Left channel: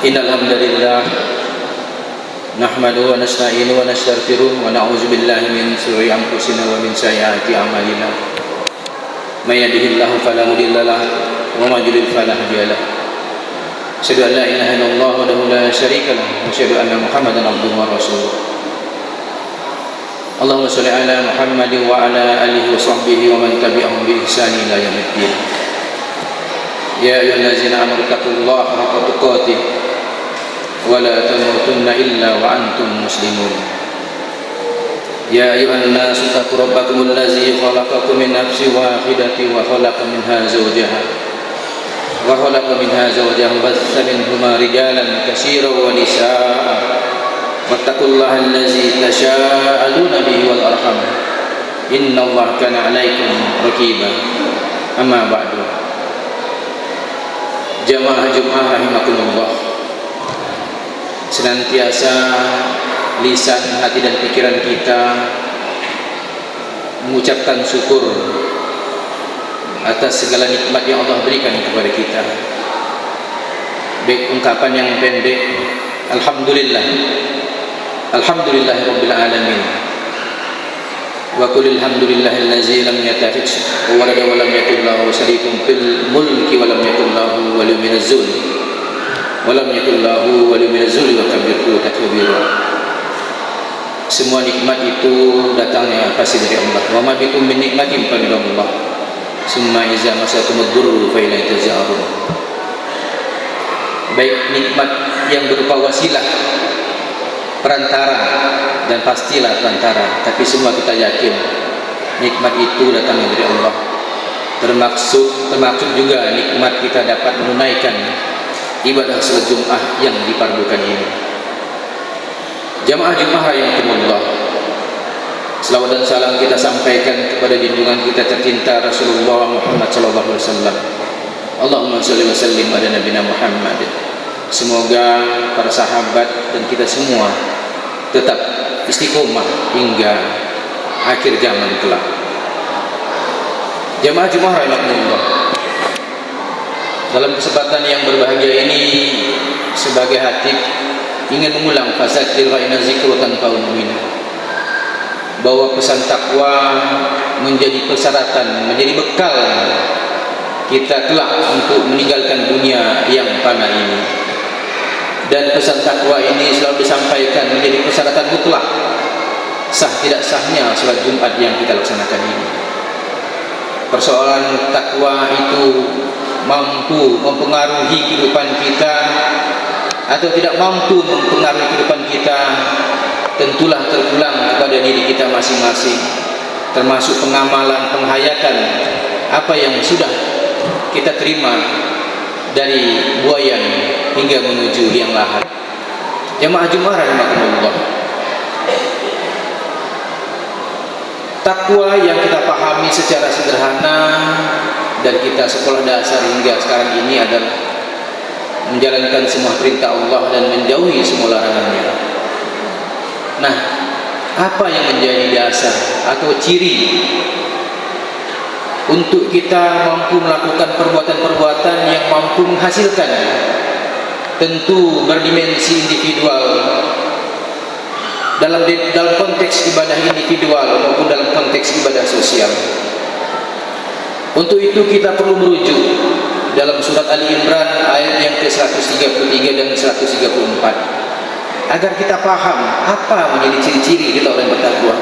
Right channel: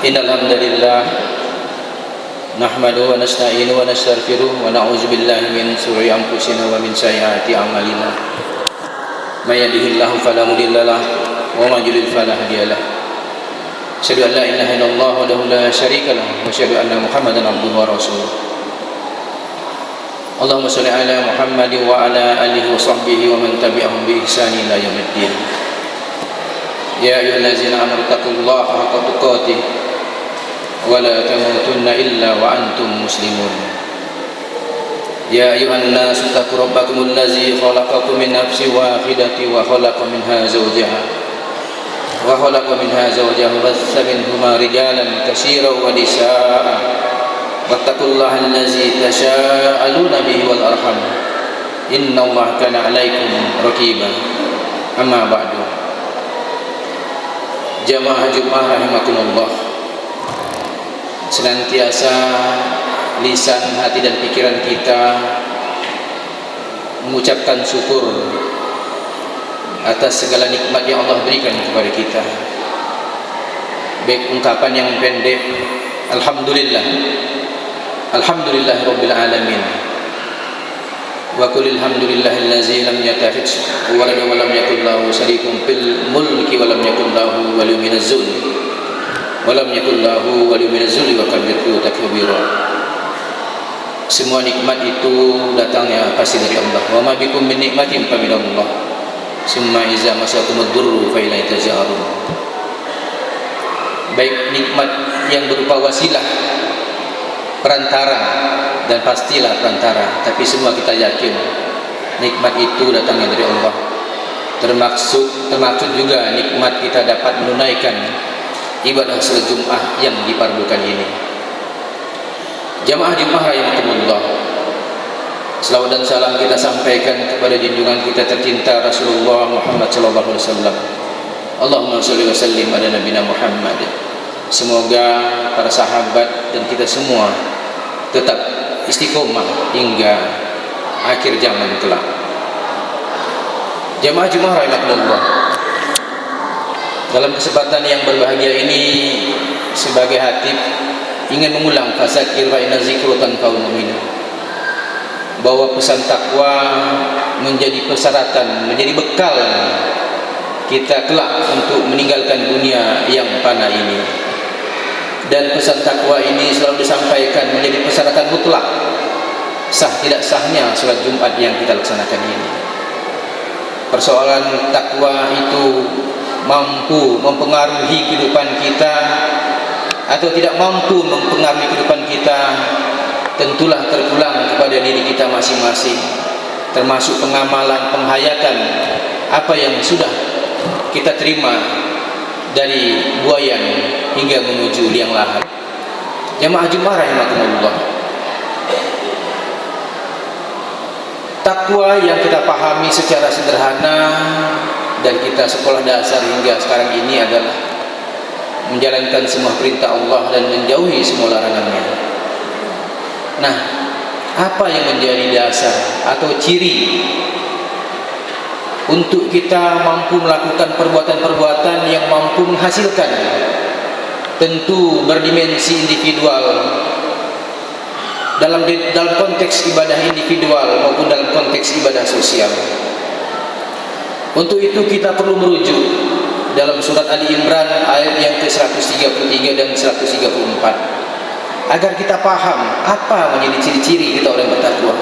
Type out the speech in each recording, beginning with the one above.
Innal hamdalillah nahmaduhu wa nasta'inuhu wa nastaghfiruh wa na'udzu billahi min shururi anfusina wa min sayyiati a'malina. May yahdihillahu fala mudilla lahu wa may yudlil fala hadiya lahu. Asyhadu an la ilaha illallah wahdahu la syarika lahu wa asyhadu anna Muhammadan abduhu wa rasuluh. Allahumma shalli ala Muhammadin wa ala alihi wa sahbihi wa man tabi'ahum bi ihsanin ila yaumiddin. Ya ayyuhallazina amanu taqullaha haqqa tuqatih wa la tamutunna illa wa antum muslimun. Ya ayyuhan nasu taqu rabbakumul ladzi khalaqakum min nafsin wahidatin wa khalaqa minha zawjaha bassa minhuma rijalan katsiran wa nisaa'a wattaqullaha allazi tasaaluna bihi wal arham innallaha kana 'alaikum raqiba. Amma ba'du. Jamaah Jumat rahimakumullah, senantiasa lisan, hati dan pikiran kita mengucapkan syukur atas segala nikmat yang Allah berikan kepada kita. Baik ungkapan yang pendek, alhamdulillah, alhamdulillahirabbil alamin, wa qul alhamdulillahillazi lam yattakhidh walada wa lam yakul lahu syarikun fil mulki wa lam yakul lahu waliyyun minaz zulmi walam yakul lahu waliyyun minaz zulmi wa kabbirhu takbira. Semua nikmat itu datangnya pasti dari Allah. Wa ma bikum min nikmatin fa min Allah. Summa iza masakumud durru fa ilaihi taj'arun. Baik nikmat yang berupa wasilah, perantara, dan pastilah perantara, tapi semua kita yakin nikmat itu datangnya dari Allah. Termaksud juga nikmat kita dapat menunaikan ibadah salat Jumat yang dipardukan ini. Jamaah Jumat rahimakumullah, selawat dan salam kita sampaikan kepada junjungan kita tercinta Rasulullah Muhammad sallallahu alaihi wasallam. Allahumma shalli wa sallim ala nabiyina Muhammad. Semoga para sahabat dan kita semua tetap istiqomah hingga akhir zaman kelak. Jamaah Jumat rahimakumullah, dalam kesempatan yang berbahagia ini sebagai khatib ingin mengulang fasakir wa inna zikru tanfa'ul mu'minin, bahwa pesan takwa menjadi persyaratan, menjadi bekal kita kelak untuk meninggalkan dunia yang fana ini. Dan pesan takwa ini selalu disampaikan menjadi persyaratan mutlak sah tidak sahnya salat Jumat yang kita laksanakan ini. Persoalan takwa itu mampu mempengaruhi kehidupan kita atau tidak mampu mempengaruhi kehidupan kita, tentulah terpulang kepada diri kita masing-masing, termasuk pengamalan, penghayatan apa yang sudah kita terima dari buayan hingga menuju liang lahat. Jamaah Jumat rahimakumullah, takwa yang kita pahami secara sederhana dan kita sekolah dasar hingga sekarang ini adalah menjalankan semua perintah Allah dan menjauhi semua larangannya. Nah, apa yang menjadi dasar atau ciri untuk kita mampu melakukan perbuatan-perbuatan yang mampu menghasilkan? Tentu berdimensi individual, dalam konteks ibadah individual maupun dalam konteks ibadah sosial. Untuk itu kita perlu merujuk dalam surat Ali Imran ayat yang ke-133 dan 134 agar kita paham apa menjadi ciri-ciri kita orang bertakwa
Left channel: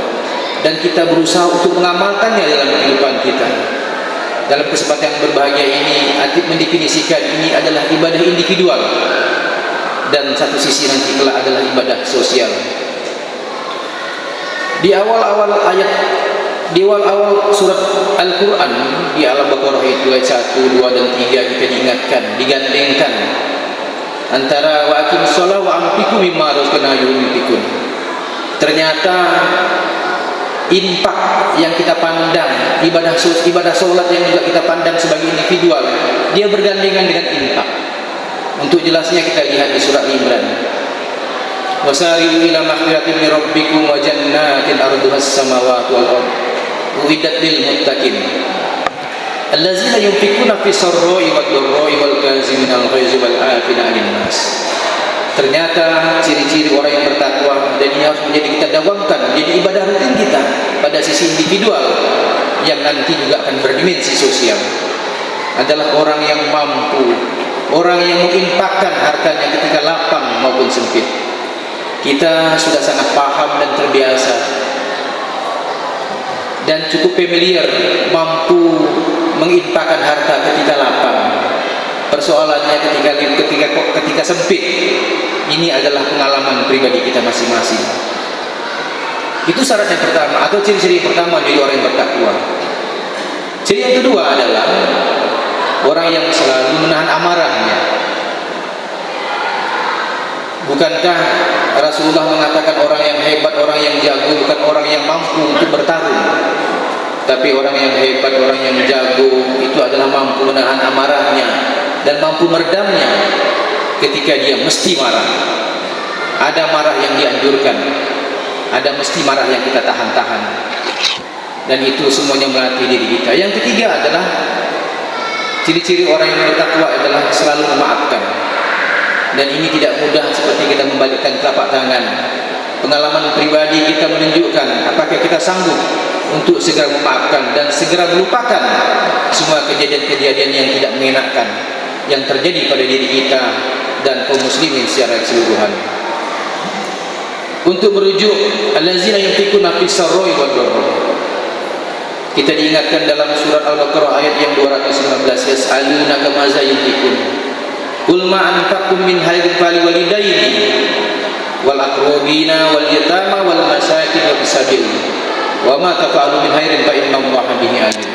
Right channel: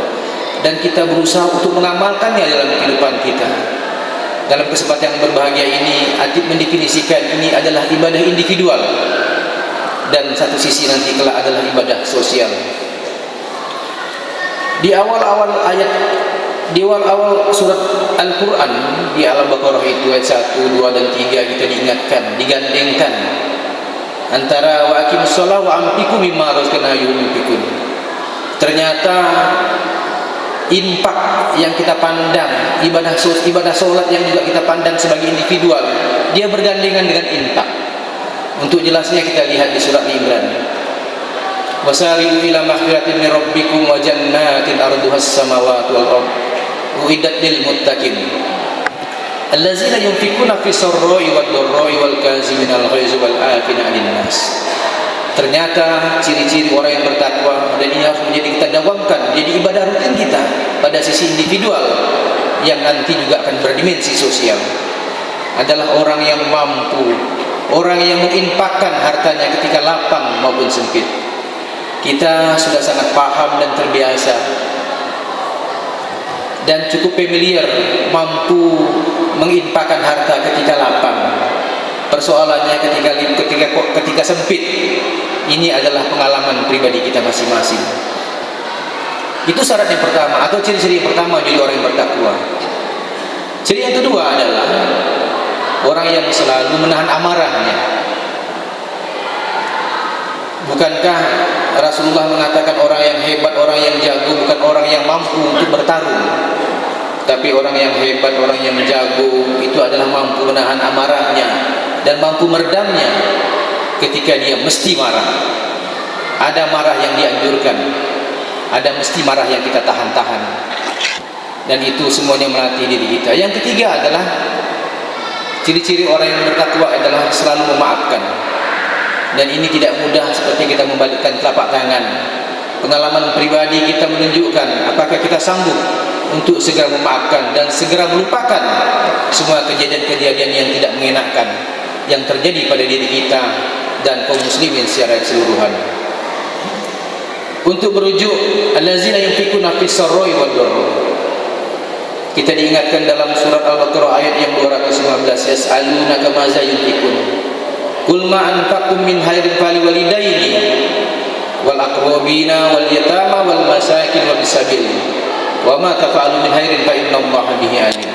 dan kita berusaha untuk mengamalkannya dalam kehidupan kita. Dalam kesempatan yang berbahagia ini, Atib mendefinisikan ini adalah ibadah individual dan satu sisi nanti kelak adalah ibadah sosial. Di awal-awal surat Al-Quran di Al-Baqarah itu ayat 1, 2 dan 3 kita diingatkan, digandengkan antara wa aqimus shalah wa anfiqu mimma razaqnakum yunfiqun. Ternyata infak yang kita pandang, ibadah salat yang juga kita pandang sebagai individual, dia bergandengan dengan infak. Untuk jelasnya kita lihat di surat Al-Imran. Wasari'u ila maghfiratin min rabbikum wa jannatin arduhas samawati wal ardh uiddat lil muttaqin allazina yunfikuna fi sarra'i wad dharra'i wal kaziminal ghaizi wal 'afina 'anil nas Ternyata ciri-ciri orang yang bertakwa, dan ini harus menjadi kita dawamkan, jadi ibadah rutin kita pada sisi individual yang nanti juga akan berdimensi sosial, adalah orang yang mampu, orang yang menginfakkan hartanya ketika lapang maupun sempit. Kita sudah sangat paham dan terbiasa dan cukup familiar mampu menginfakkan harta ketika lapang. Persoalannya ketika sempit, ini adalah pengalaman pribadi kita masing-masing. Itu syarat yang pertama, atau ciri-ciri yang pertama dari orang yang bertakwa. Ciri yang kedua adalah orang yang selalu menahan amarahnya. Bukankah Rasulullah mengatakan orang yang hebat, orang yang jago bukan orang yang mampu untuk bertarung, tapi orang yang hebat, orang yang jago itu adalah mampu menahan amarahnya dan mampu meredamnya ketika dia mesti marah. Ada marah yang dianjurkan, ada mesti marah yang kita tahan-tahan, dan itu semuanya melatih diri kita. Yang ketiga adalah ciri-ciri orang yang bertakwa adalah selalu memaafkan. Dan ini tidak mudah seperti kita membalikkan telapak tangan. Pengalaman pribadi kita menunjukkan apakah kita sanggup untuk segera memaafkan dan segera melupakan semua kejadian-kejadian yang tidak mengenakan yang terjadi pada diri kita dan kaum muslimin secara keseluruhan. Untuk merujuk allazina yunfikuna fis sarra'i wad dharra, kita diingatkan dalam surat Al-Baqarah ayat yang 219, yas'alunaka maza yunfikun qul ma anfaqtum min khairin faliwalidaini wal aqrabina wal yatama wal masakin wa bisabil wa ma tafa'alu min khairin fa innallaha bihi alim.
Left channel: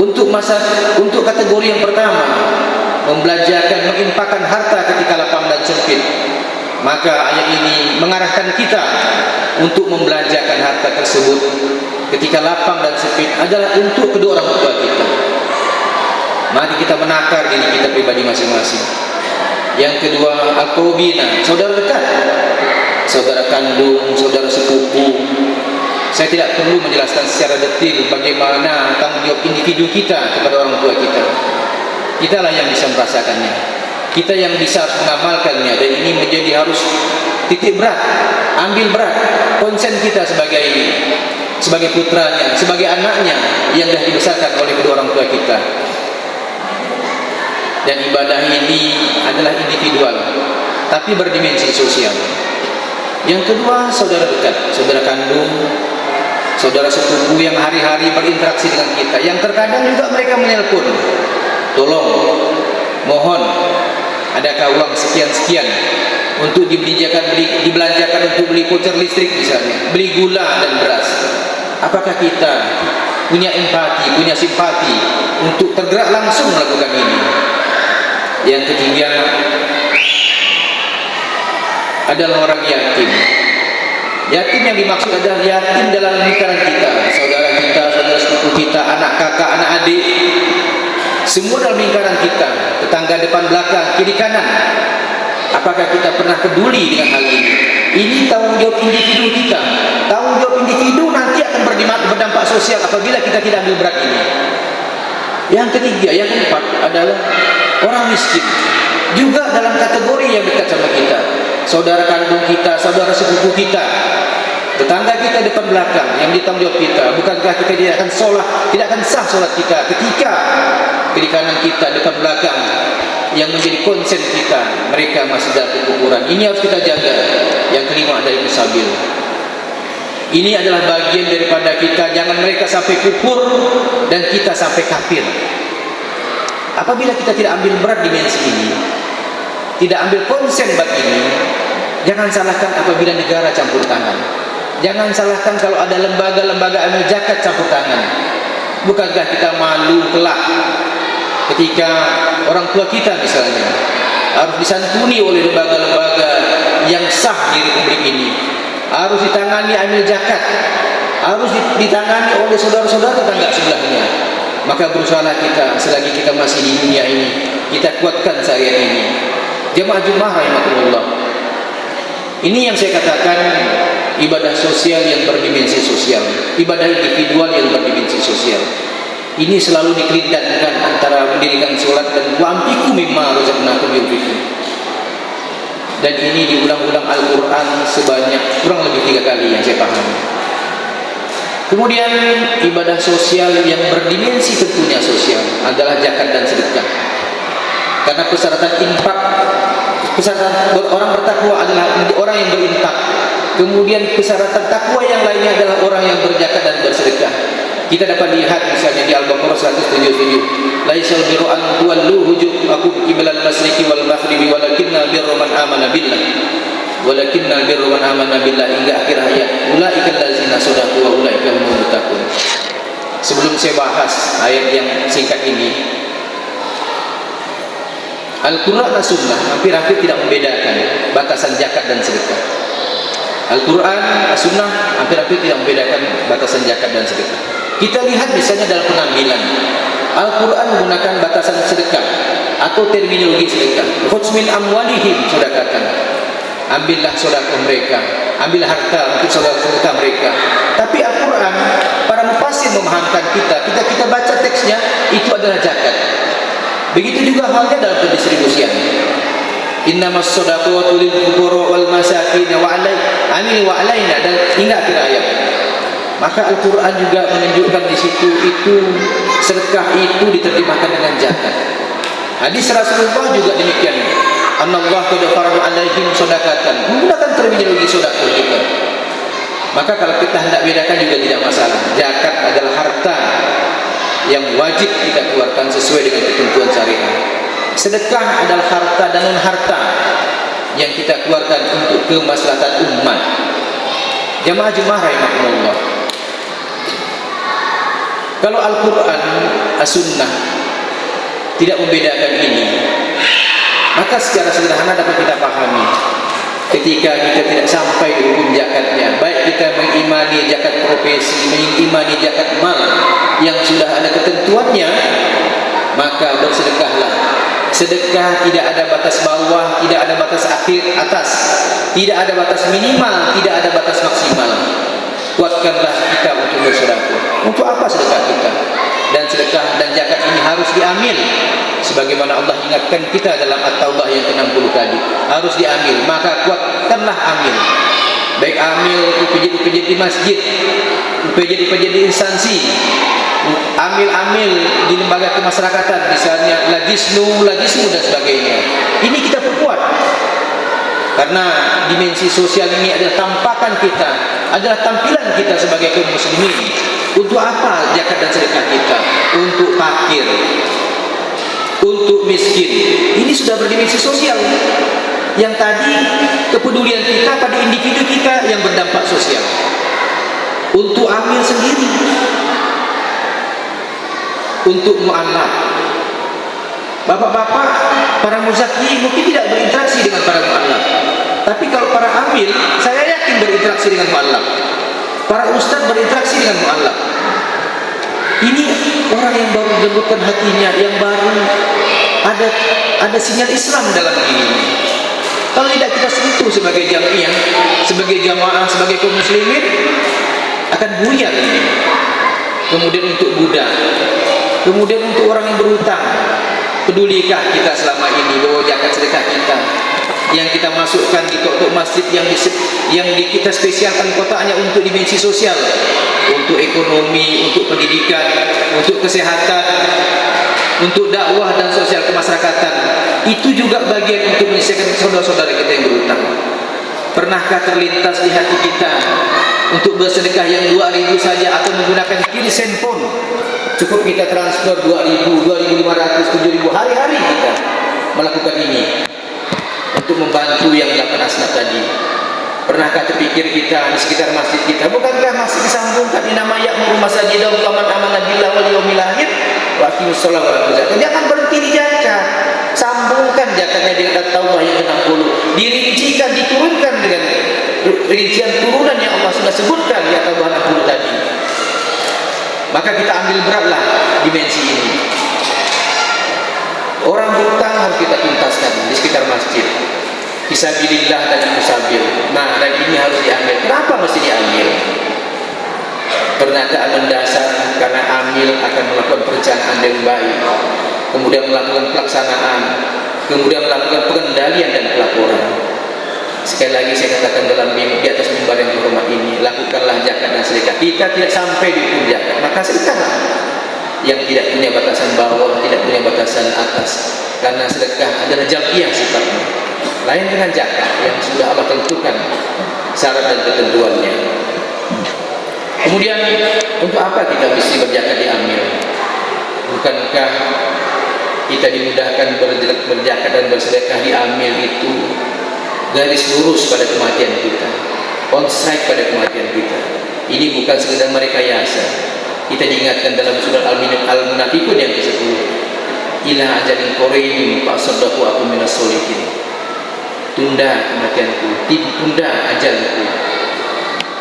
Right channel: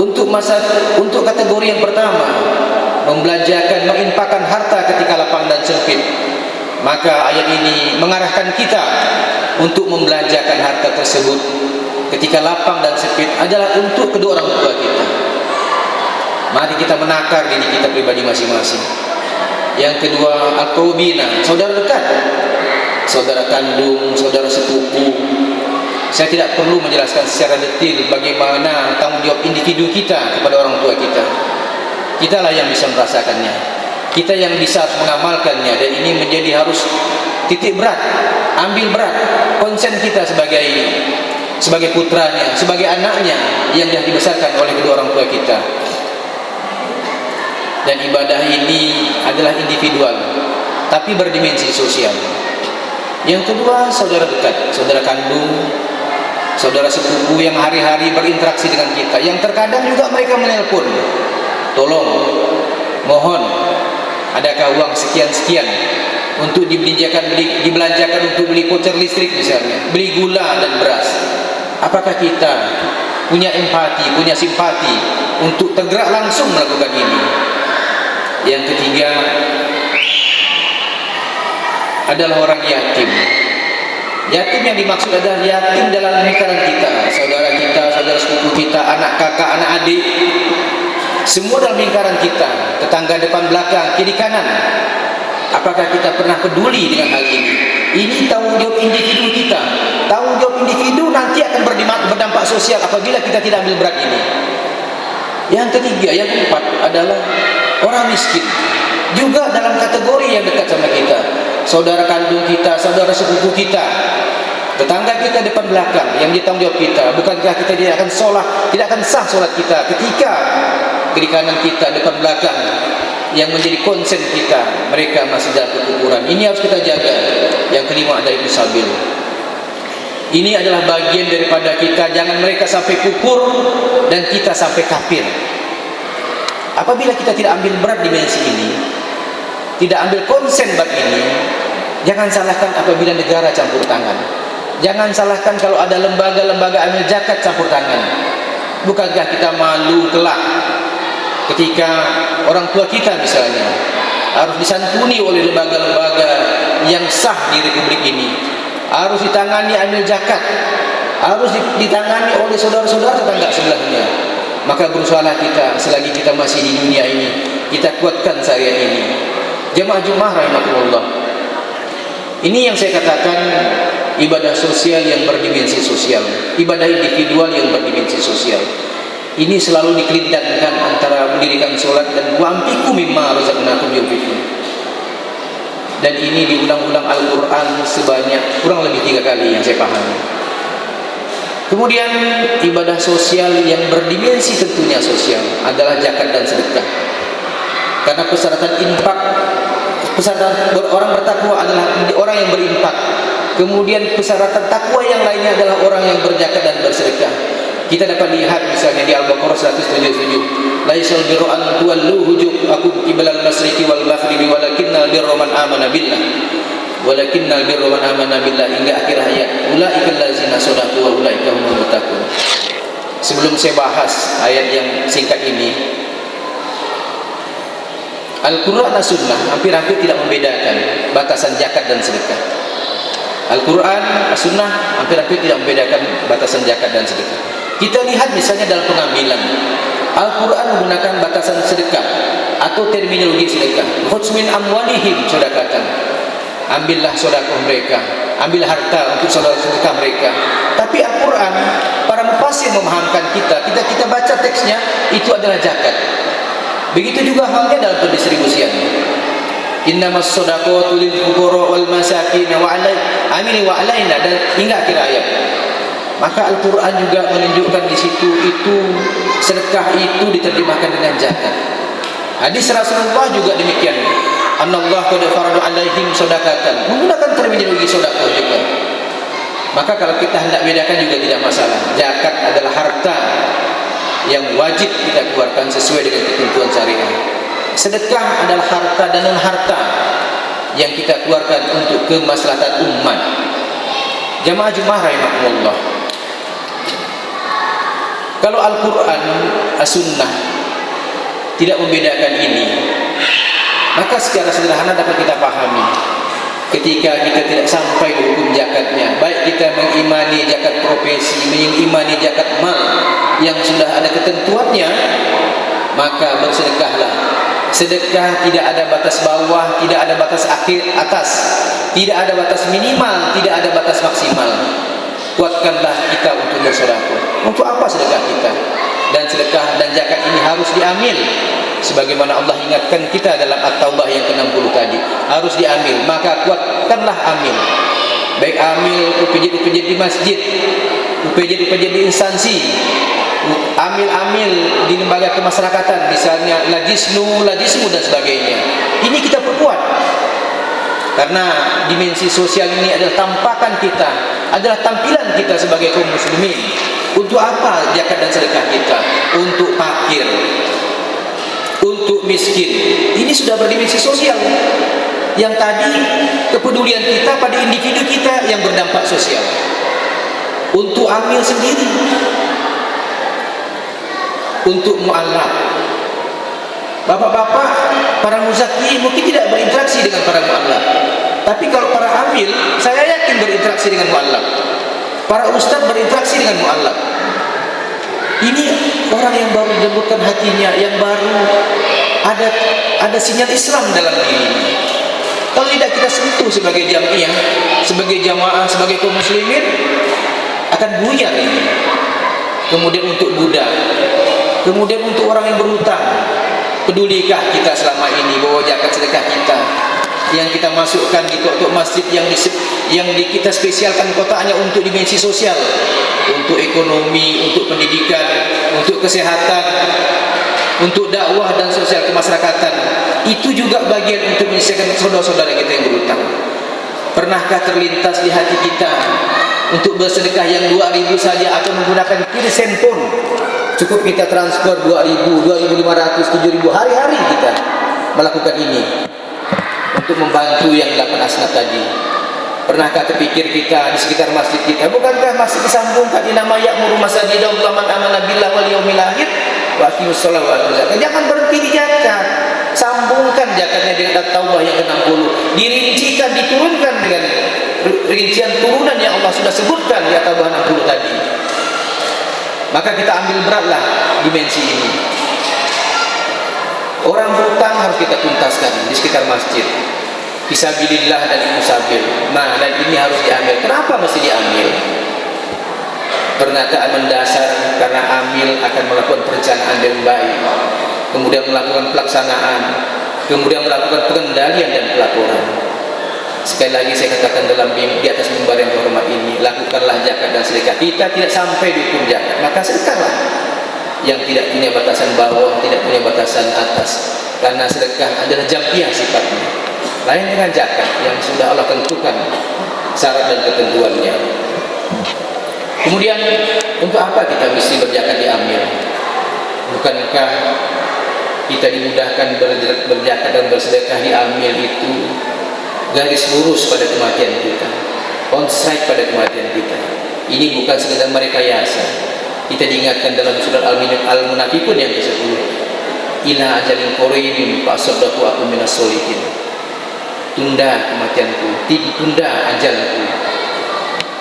Untuk kategori yang pertama, membelanjakan, menginfakkan harta ketika lapang dan sempit, maka ayat ini mengarahkan kita untuk membelanjakan harta tersebut ketika lapang dan sempit adalah untuk kedua orang tua kita. Mari kita menakar diri kita pribadi masing-masing. Yang kedua, al-qurabina, saudara dekat, saudara kandung, saudara sepupu. Saya tidak perlu menjelaskan secara detail bagaimana tanggung jawab individu kita kepada orang tua kita. Kitalah yang bisa merasakannya, kita yang bisa mengamalkannya, dan ini menjadi harus titik berat, ambil berat, konsen kita sebagai putranya, sebagai anaknya yang dah dibesarkan oleh kedua orang tua kita. Dan ibadah ini adalah individual, tapi berdimensi sosial. Yang kedua, saudara dekat, saudara kandung, saudara sepupu yang hari-hari berinteraksi dengan kita, yang terkadang juga mereka menelpon, tolong, mohon, adakah uang sekian-sekian untuk dibelanjakan untuk beli voucher listrik misalnya, beli gula dan beras. Apakah kita punya empati, punya simpati untuk tergerak langsung melakukan ini? Yang ketiga adalah orang yatim. Yatim yang dimaksud adalah yatim dalam lingkaran kita, saudara kita, saudara sepupu kita, anak kakak, anak adik, semua dalam lingkaran kita, tetangga depan belakang, kiri kanan. Apakah kita pernah peduli dengan hal ini? Ini tanggung jawab individu kita. Tanggung jawab individu nanti akan berdampak sosial apabila kita tidak ambil berat ini. Yang ketiga, yang keempat adalah orang miskin, juga dalam kategori yang dekat sama kita, saudara kandung kita, saudara sepupu kita, tetangga kita depan belakang yang ditanggung jawab kita. Bukankah kita tidak akan sah solat kita ketika kiri kanan kita, depan belakang yang menjadi konsen kita, mereka masih dalam kekufuran. Ini harus kita jaga. Yang kelima adalah musabil. Ini adalah bagian daripada kita, jangan mereka sampai kufur dan kita sampai kafir. Apabila kita tidak ambil berat dimensi ini, tidak ambil konsen bab ini, jangan salahkan apabila negara campur tangan. Jangan salahkan kalau ada lembaga-lembaga amil zakat campur tangan. Bukankah kita malu kelak ketika orang tua kita misalnya harus disantuni oleh lembaga-lembaga yang sah di republik ini, harus ditangani amil zakat, harus ditangani oleh saudara-saudara tetangga sebelahnya. Maka berusahalah kita selagi kita masih di dunia ini, kita kuatkan syariat ini. Jemaah Jumat rahimakumullah, ini yang saya katakan ibadah sosial yang berdimensi sosial, ibadah individual yang berdimensi sosial. Ini selalu dikelitkan antara mendirikan sholat dan wa anfiqu mimma razaqnakum yunfiqun. Dan ini diulang-ulang Al-Quran sebanyak kurang lebih 3 kali yang saya pahami. Kemudian ibadah sosial yang berdimensi tentunya sosial adalah zakat dan sedekah. Karena persyaratan infak, persyaratan orang bertakwa adalah orang yang berinfak. Kemudian persyaratan takwa yang lainnya adalah orang yang berzakat dan bersedekah. Kita dapat lihat misalnya di Al-Baqarah 177, laisal birru an tuwallu wujuhakum qiblal masyriqi wal maghribi walakinnal birra man amana billah. Walakinnal birra man amana billah, hingga akhir ayat. Ulaikal ladzina shadaqu wa ulaika humul muttaqun. Sebelum saya bahas ayat yang singkat ini, Al-Quran dan Sunnah hampir-hampir tidak membedakan batasan zakat dan sedekah. Al-Quran, As-Sunnah hampir-hampir tidak membedakan batasan zakat dan sedekah. Kita lihat misalnya dalam pengambilan, Al-Quran menggunakan batasan sedekah atau terminologi sedekah. Khudz min amwalihim, sedekahkan. Ambillah sedekah mereka, ambil harta untuk sedekah mereka. Tapi Al-Quran, para mufassir memahamkan kita baca teksnya, itu adalah zakat. Begitu juga halnya dalam pendistribusian. Innamas shadaqatu lil fuqara wal masakin wa alaina, dan hingga akhir ayat. Maka Al-Quran juga menunjukkan di situ itu sedekah itu diterjemahkan dengan zakat. Hadis Rasulullah juga demikian. Anallahu qad farada alaihim shadaqatan, menggunakan terminologi sedekah juga. Maka kalau kita hendak bedakan juga tidak masalah. Zakat adalah harta yang wajib kita keluarkan sesuai dengan ketentuan syariat. Sedekah adalah harta dan non harta yang kita keluarkan untuk kemaslahatan umat. Jamaah-jamaah rahimakumullah. Kalau Al-Quran, As-Sunnah tidak membedakan ini, maka secara sederhana dapat kita pahami. Ketika kita tidak sampai di hukum zakatnya, baik kita mengimani zakat profesi, mengimani zakat mal yang sudah ada ketentuannya, maka bersedekahlah. Sedekah tidak ada batas bawah, tidak ada batas atas, tidak ada batas minimal, tidak ada batas maksimal. Kuatkanlah kita untuk bersedekah. Untuk apa sedekah kita? Dan sedekah dan zakat ini harus diambil, sebagaimana Allah ingatkan kita dalam At-Taubah yang ke-60 tadi. Harus diambil, maka kuatkanlah ambil. Baik ambil upejit-upejit di masjid, upejit-upejit di instansi, ambil di lembaga kemasyarakatan, misalnya lajisnu dan sebagainya. Ini kita perkuat, karena dimensi sosial ini adalah tampakan kita, adalah tampilan kita sebagai kaum muslimin. Untuk apa zakat dan sedekah kita? Untuk fakir, untuk miskin. Ini sudah berdimensi sosial. Yang tadi kepedulian kita pada individu kita yang berdampak sosial. Untuk amil sendiri, untuk mu'alaf. Bapak-bapak, para muzaki mungkin tidak berinteraksi dengan para mu'alaf. Tapi kalau para amil, saya yakin berinteraksi dengan mu'alaf. Para ustaz berinteraksi dengan mu'alaf. Ini orang yang baru dilembutkan hatinya, yang baru ada sinyal Islam dalam diri. Kalau tidak kita sentuh sebagai jamiah, sebagai jamaah, sebagai kaum muslimin, akan buyar ini. Kemudian untuk budak, kemudian untuk orang yang berhutang, pedulikah kita selama ini bahwa zakat sedekah kita yang kita masukkan di tok-tok masjid yang kita spesialkan kotaknya untuk dimensi sosial, untuk ekonomi, untuk pendidikan, untuk kesehatan, untuk dakwah dan sosial kemasyarakatan, itu juga bagian untuk menyelesaikan saudara-saudara kita yang berhutang. Pernahkah terlintas di hati kita untuk bersedekah yang 2.000 saja atau menggunakan kirsen pun cukup kita transfer 2.000, 2.500, 7.000 hari-hari kita melakukan ini untuk membantu yang 8 asnaf tadi? Pernahkah terpikir kita di sekitar masjid kita, bukankah masih disambungkan inama ya'muru masajidallah man amana billah wal yaumil akhir wa aqimus shalah wa atuz zakat? Jangan berhenti di zakat, sambungkan zakatnya dengan At-Taubah yang ke-60, dirincikan, diturunkan dengan rincian turunan yang Allah sudah sebutkan di At-Taubah 60 tadi. Maka kita ambil beratlah dimensi ini. Orang berhutang harus kita tuntaskan di sekitar masjid, fisabilillah dan musabil. Nah, dan ini harus diambil. Kenapa mesti diambil? Pernyataan mendasar, karena amil akan melakukan perencanaan yang baik, kemudian melakukan pelaksanaan, kemudian melakukan pengendalian dan pelaporan. Sekali lagi saya katakan di atas mimbar yang terhormat ini, lakukanlah zakat dan sedekah. Kita tidak sampai di ujung zakat, maka sedekahlah. Yang tidak punya batasan bawah, tidak punya batasan atas. Karena sedekah adalah jamiah sifatnya. Lain dengan zakat yang sudah Allah tentukan syarat dan ketentuannya. Kemudian untuk apa kita mesti berzakat diambil? Bukankah kita dimudahkan berzakat dan bersedekah diambil itu garis lurus pada kematian kita, on strike pada kematian kita. Ini bukan sekedar merekayasa. Kita diingatkan dalam surah Al-Munafiqun yang ke-10, ila ajalin qaribin fa'asaddaqu akum minas sholihin. Tunda kematianku, tunda ajalku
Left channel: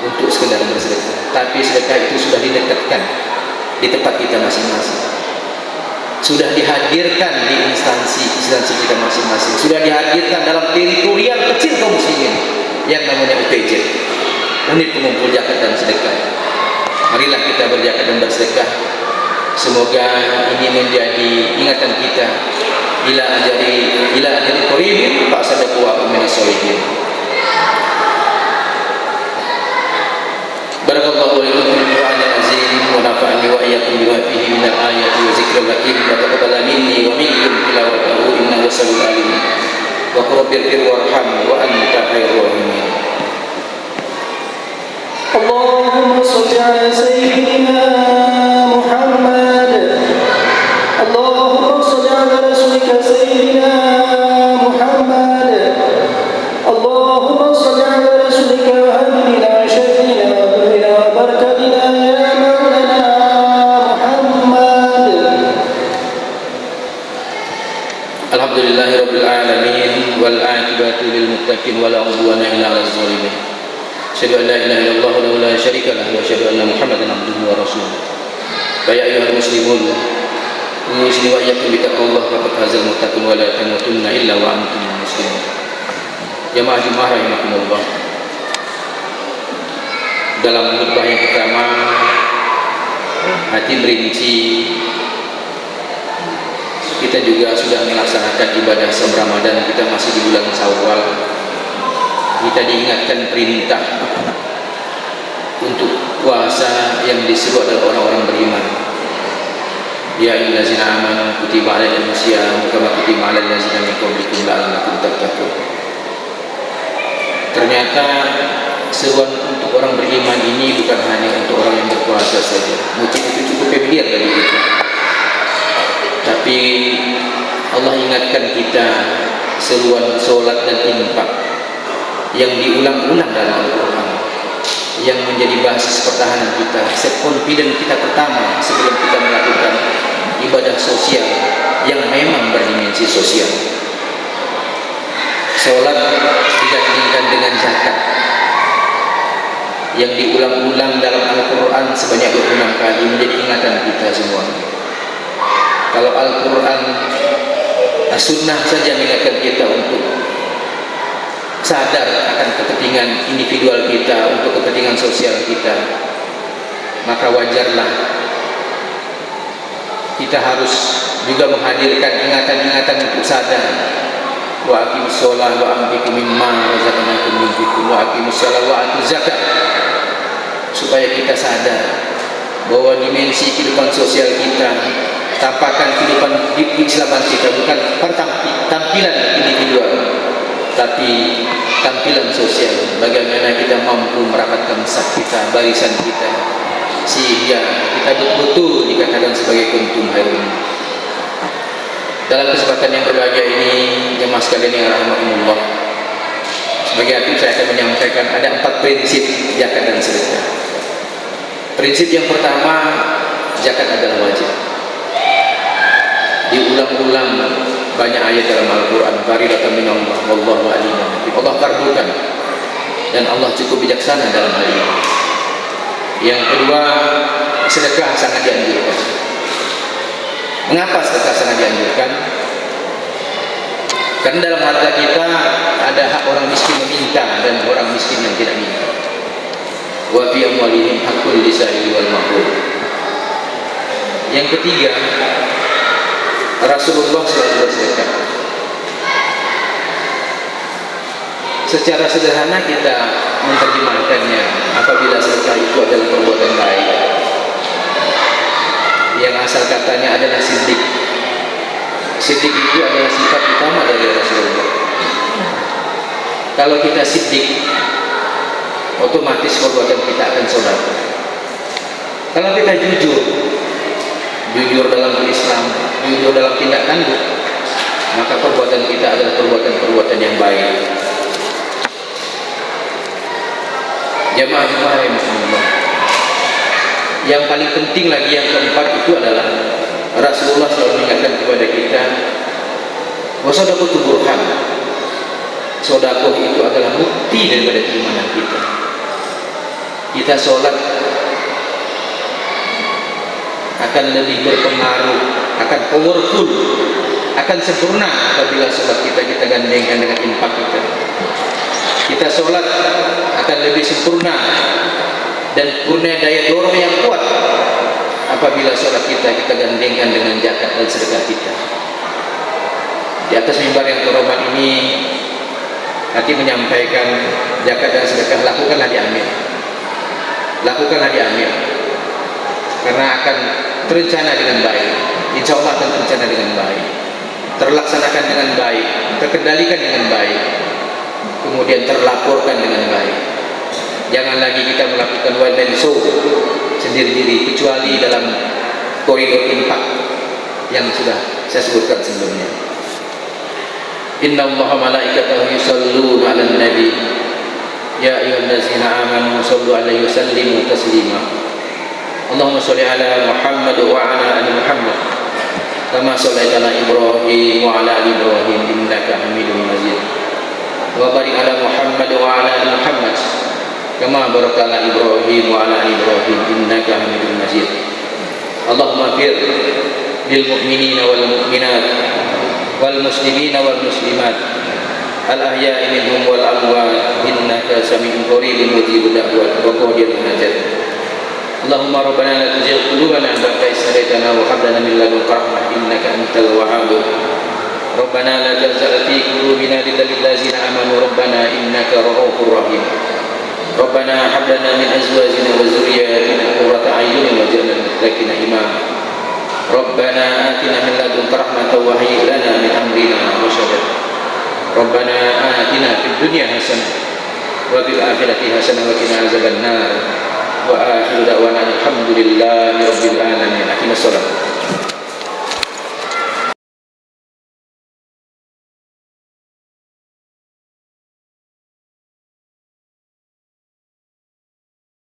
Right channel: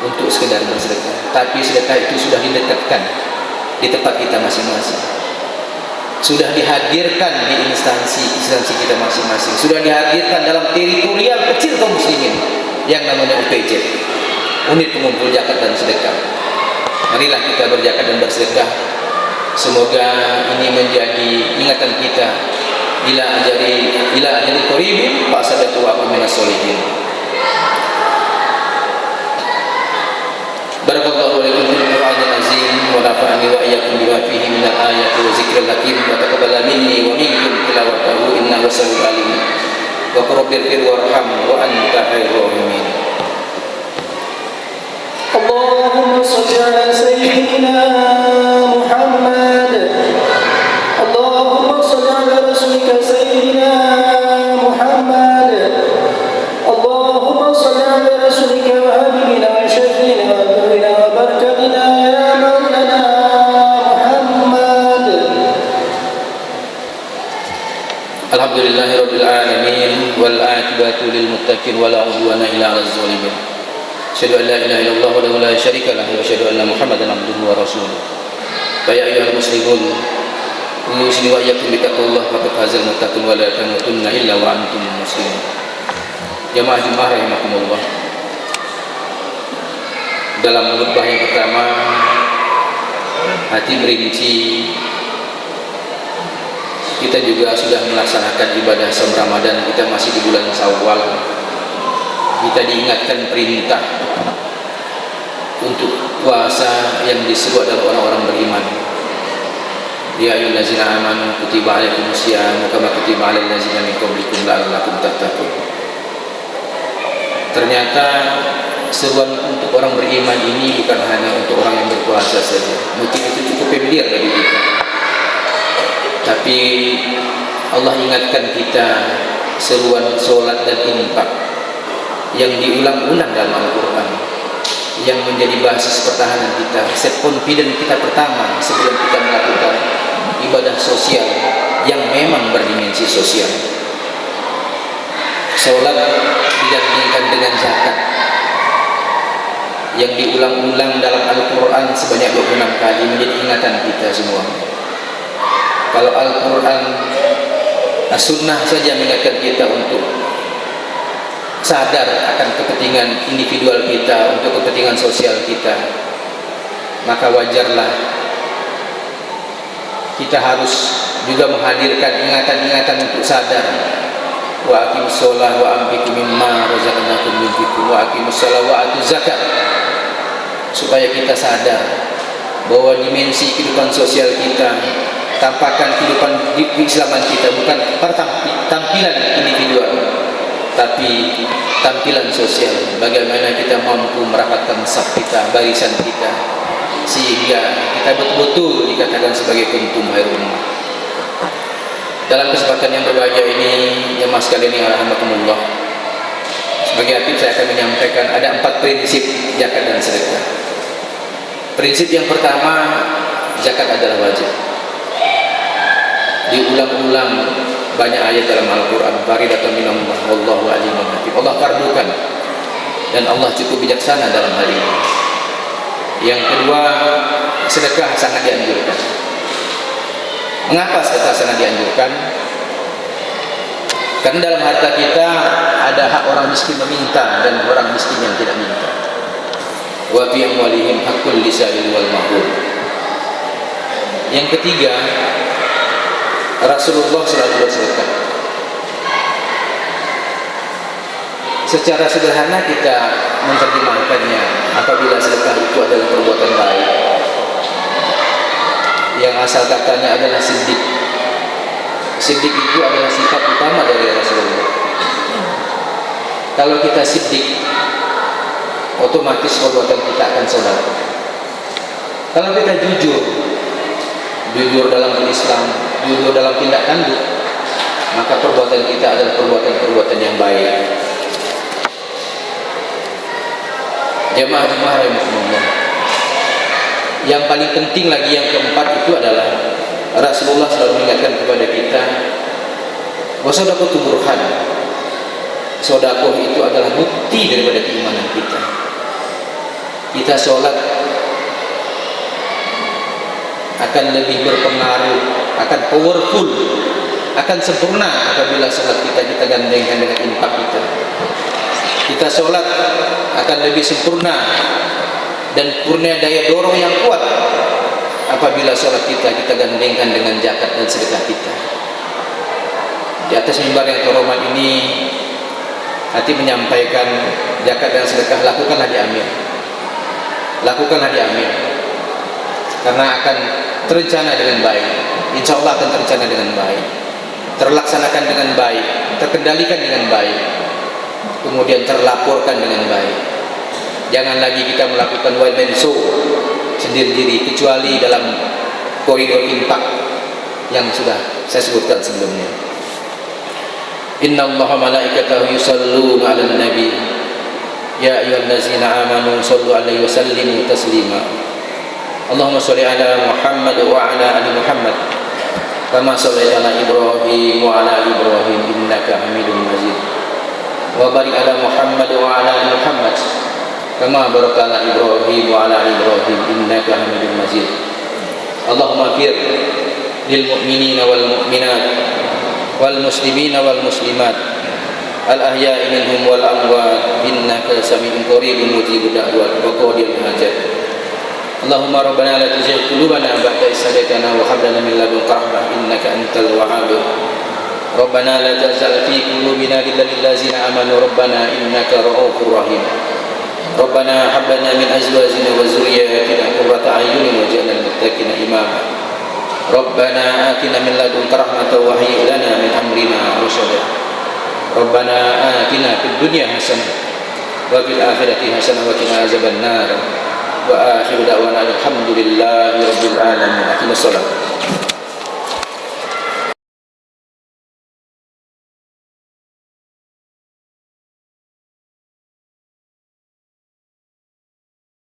untuk sekedar bersedekah. Tapi sedekah itu sudah didekatkan di tempat kita masing-masing, sudah dihadirkan di instansi kita masing-masing, sudah dihadirkan dalam teritorial kecil kaum muslimin yang namanya UPJ, unit pengumpul zakat dan sedekah. Marilah kita berzakat dan bersedekah. Semoga ini menjadi ingatan kita. Ila ajali qaribin fa'asaddaqu wa akum minas sholihin. Barakallahu lakum fil Qur'anil azim wa nafa'ani wa iyyakum bima fihi minal ayati wa zikril hakim wa taqabbal minni wa minkum tilawatahu innahu samiul alim wa qul rabbighfir warham wa anta khairur rahimin. Allahumma shalli ala sayyidina Muhammad. Allahumma shalli ala rasulika sayyidina Muhammad. Allahumma shalli ala rasulika wa habibina syafiina wa barakatina ya maulana Muhammad. Alhamdulillahi rabbil alamin wal aqibatu lil muttaqin wa la udwana illa 'alal zalimin. Asyhadu an la ilaha illallah wa la syarika lahu wa asyhadu anna Muhammadan abduhu wa rasuluh. Ya ayyuhal muslimun, usni wa iyyakum bi taqwallah faqad fazal muttaqun wa la tamutunna illa wa antum muslimun. Jamaah Jumat rahimakumullah. Dalam khutbah yang pertama, hati berinci, kita juga sudah melaksanakan ibadah saum Ramadan. Kita masih di bulan Syawal. Kita diingatkan perintah untuk puasa yang diseru adalah orang-orang beriman. Ya ayyuhallazina amanu kutiba alaikumus syiyam kama kutiba alal ladzina min qablikum la'allakum tattaqun. Ternyata seruan untuk orang beriman ini bukan hanya untuk orang yang berpuasa saja. Mungkin itu cukup familiar bagi kita. Tapi Allah ingatkan kita seruan solat dan infak yang diulang-ulang dalam Al-Quran, yang menjadi basis pertahanan kita, set confident kita pertama sebelum kita melakukan ibadah sosial yang memang berdimensi sosial. Solat digandingkan dengan zakat yang diulang-ulang dalam Al-Quran sebanyak 26 kali, menjadi ingatan kita semua. Kalau Al-Quran, As-Sunnah saja mengingatkan kita untuk sadar akan kepentingan individual kita, untuk kepentingan sosial kita, maka wajarlah kita harus juga menghadirkan ingatan-ingatan untuk sadar. Wa aqimus shalah wa anfiqu mimma razaqnakum yunfiqun wa aqimus shalah wa atuz zakat, supaya kita sadar bahwa dimensi kehidupan sosial kita, tampakan kehidupan keislaman kita bukan tampilan individual, tapi tampilan sosial. Bagaimana kita mampu merapatkan saf kita, barisan kita, sehingga kita betul-betul dikatakan sebagai kuntum khairul ummah. Dalam kesempatan yang berbahagia ini, jemaah sekalian yang rahimakumullah, sebagai aktif saya akan menyampaikan ada 4 prinsip zakat dan sedekah. Prinsip yang pertama, zakat adalah wajib. Diulang-ulang banyak ayat dalam Al-Quran, faridatan minallah wallahu alimun hakim. Allah fardukan dan Allah cukup bijaksana dalam hal ini. Yang kedua, sedekah sangat dianjurkan. Mengapa sedekah sangat dianjurkan? Karena dalam harta kita ada hak orang miskin meminta dan orang miskin yang tidak minta. Wa fi amwalihim haqqul lisa'il wal mahrum. Yang ketiga, Rasulullah selalu bersedekah. secara sederhana kita menerjemahkannya, apabila sedekah itu adalah perbuatan baik, yang asal katanya adalah siddiq. Siddiq itu adalah sifat utama dari Rasulullah. Kalau kita siddiq, otomatis perbuatan kita akan sedekah. Kalau kita jujur dalam berislam, jujur dalam tindak tanduk, maka perbuatan kita adalah perbuatan yang baik. Jamaah-jamaah rahimakumullah. Yang paling penting lagi, yang keempat itu adalah Rasulullah selalu mengingatkan kepada kita, wasadakoh itu burhan. Sodakoh itu adalah bukti daripada keimanan kita. Kita sholat akan lebih berpengaruh, akan powerful, akan sempurna apabila sholat kita gandengkan dengan infak kita. Kita sholat akan lebih sempurna dan punya daya dorong yang kuat apabila sholat kita gandengkan dengan zakat dan sedekah kita. Di atas mimbar yang terhormat ini, nanti menyampaikan zakat dan sedekah, lakukanlah diambil, karena akan terencana dengan baik. Insya Allah akan terencana dengan baik, terlaksanakan dengan baik, terkendalikan dengan baik, kemudian terlaporkan dengan baik. Jangan lagi kita melakukan one man show sendiri-sendiri, kecuali dalam koridor infak yang sudah saya sebutkan sebelumnya. Inna Allaha malaikatahu yusalluna 'alan nabi ya ayyuhallazina amanu sallu 'alaihi wa sallimu taslima. Allahumma shalli 'ala Muhammad wa 'ala ali Muhammad kama shallaita 'ala Ibrahim wa 'ala ali Ibrahim innaka Hamidum Majid. Wa barik 'ala Muhammad wa 'ala ali Muhammad kama barakta 'ala Ibrahim wa 'ala ali Ibrahim innaka Hamidum Majid. Allahumma fir lil mu'minina wal mu'minat wal muslimina wal muslimat al ahya'i minhum wal amwat innaka sami'un qaribun mujibud da'wat wa qadiyal hajat. Allahumma rabbana la tuzigh qulubana ba'da idh hadaytana wa hab lana min ladunka rahmah innaka antal wahhab. Rabbana la tuzigh fi qulubina ghillan lil ladzina amanu rabbana innaka ra'ufur rahim. Rabbana hab lana min azwajina wa dhurriyyatina qurrata a'yunin waj'alna lil muttaqina imama. Rabbana atina min ladunka rahmatan wa hayyi' lana min amrina rashada. Rabbana atina fid dunya hasanah wa fil akhirati hasanah wa qina azabannar. Wa akhiru da'wana alhamdulillahi rabbil alamin. Aqimus shalah.